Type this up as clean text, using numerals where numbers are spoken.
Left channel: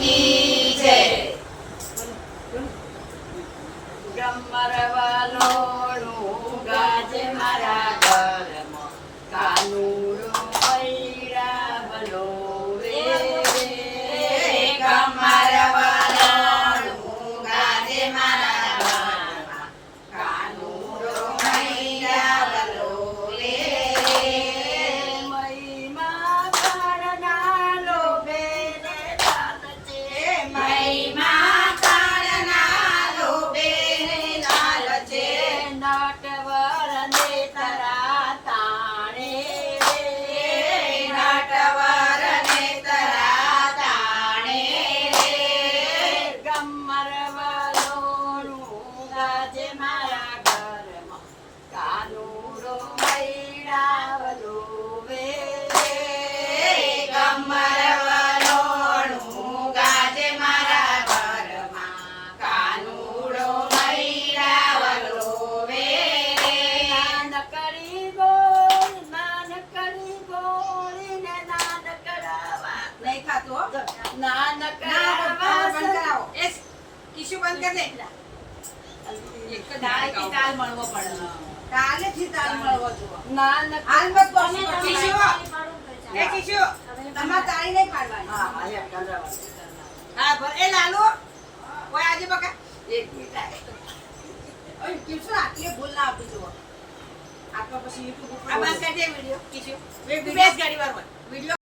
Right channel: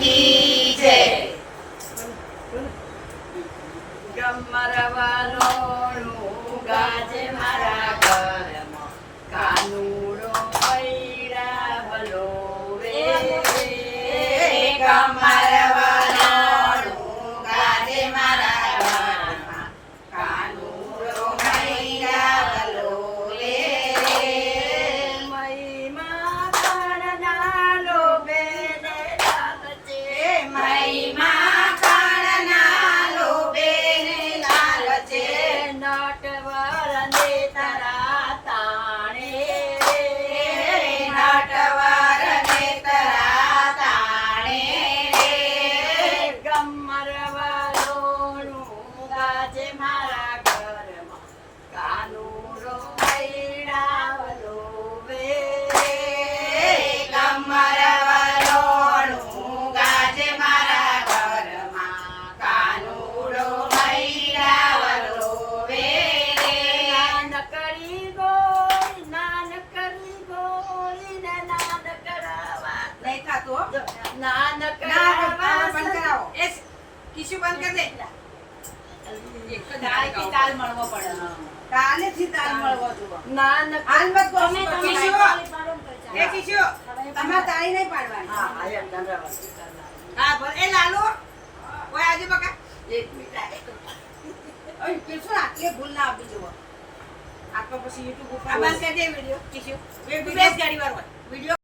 કી જય. ગમરવાનો ગાજે મારા ઘરમાં કાનુડો પૈડા બલોવે. ગમરવાનો ગાજે મારા ઘરમાં કાનુડો મૈડા બલોલે. મહિમા કાળના લોભે ને લાલ છે. મહિમા કાળના લોભે ને લાલ છે. નટવરને તરા તાણે. નટવરને તરા તાણે. ગમરવાલોનું ગાજે મારા ઘરમાં કાનુડો મૈડા વલોવે. ગમરવાલોનું ગાજે મારા ઘરમાં કાનુડો મૈડા વલોવે. નાનકડી ગોળી ને નાનકડા નહીં થતું હો. નાનકડા બંધ કરાવો. એ કિસ્સું બંધ કરી દે. તાલથી તાલ મળવો પડે. કાલેથી તાલ મળવો જોઈએ. નાનક હાલ મત બોલો. કિસ્સું એ કિસ્સું તમારે તાળી નહીં પાડવાની. હા ભલે એ લાલો ઓય આજે બકા એક મિનિટ ઓય કિસ્સું આટલી ભૂલ ના આપી જુઓ. આટલો પછી યુટ્યુબ ઉપર આ બંધ કરી દે વિડિયો કિસ્સું બેસ ગાડી વાર હોય વિડિયો